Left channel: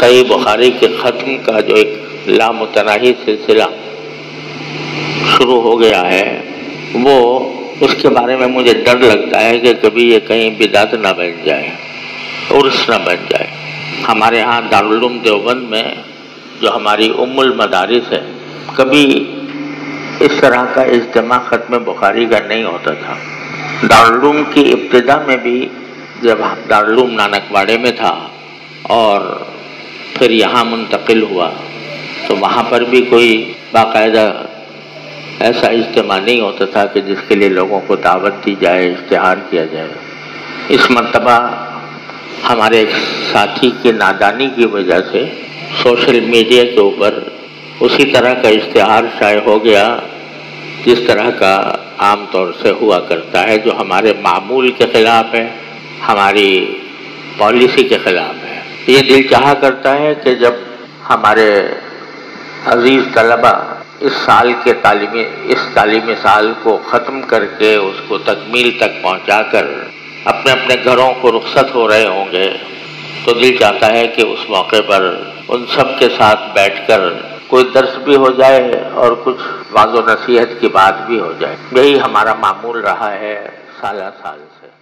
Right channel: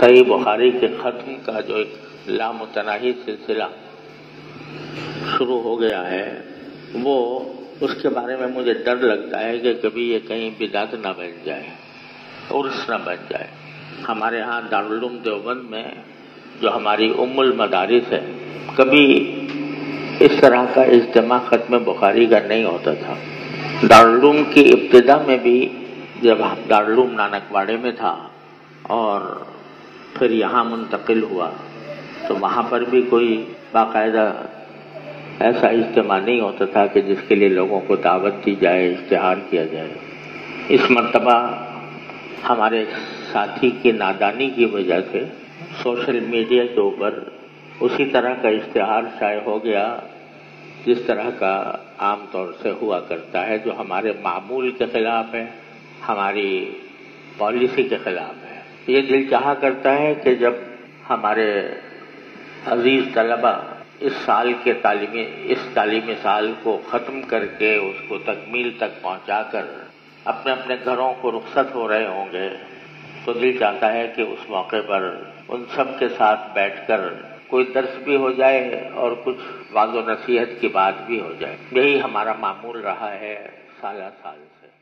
صحیح بخاری کے ختم کا جو ایک لامتناہی سلسلہ شروع ہو گیا ہے، وہ اس کے بارے میں مجھے ڈر لگتا ہے کہ کبھی یہ کہیں بدعت نہ بن جائے، عرس نہ بن جائے۔ ہمارے ہاں دارالعلوم دیوبند میں جو ہماری ام المدارس ہے، کبھی اس طرح کا اجتماع ختم بخاری کا نہیں ہوتا تھا۔ دارالعلوم کی ابتدا میں بھی جب دارالعلوم نانک واڑے میں تھا اور پھر یہاں منتقل ہوا تو وہاں پر بھی کوئی باقاعدہ ایسا اجتماع نہیں ہوتا تھا کہ جس کے لیے لوگوں کو دعوت دی جائے، اشتہار کیا جائے۔ اس مرتبہ ہمارے ایک ساتھی کی نادانی کی وجہ سے سوشل میڈیا کے اوپر اسی طرح کا اشتہار شائع ہو گیا جس طرح کا عام طور سے ہوا کرتا ہے، جو ہمارے معمول کے خلاف ہے، ہماری پالیسی کے خلاف ہے۔ یہ دل چاہا کرتا ہے کہ جب ہمارے عزیز طلبہ اس تعلیمی سال کو ختم کر کے اس کو تکمیل تک پہنچا کر اپنے اپنے گھروں کو رخصت ہو رہے ہوں گے تو دل چاہتا ہے کہ اس موقع پر ان سب کے ساتھ بیٹھ کر کوئی درس بھی ہو جائے اور کچھ وعظ و نصیحت کی بات بھی ہو جائے۔ یہی ہمارا معمول رہا ہے سالہ سال سے۔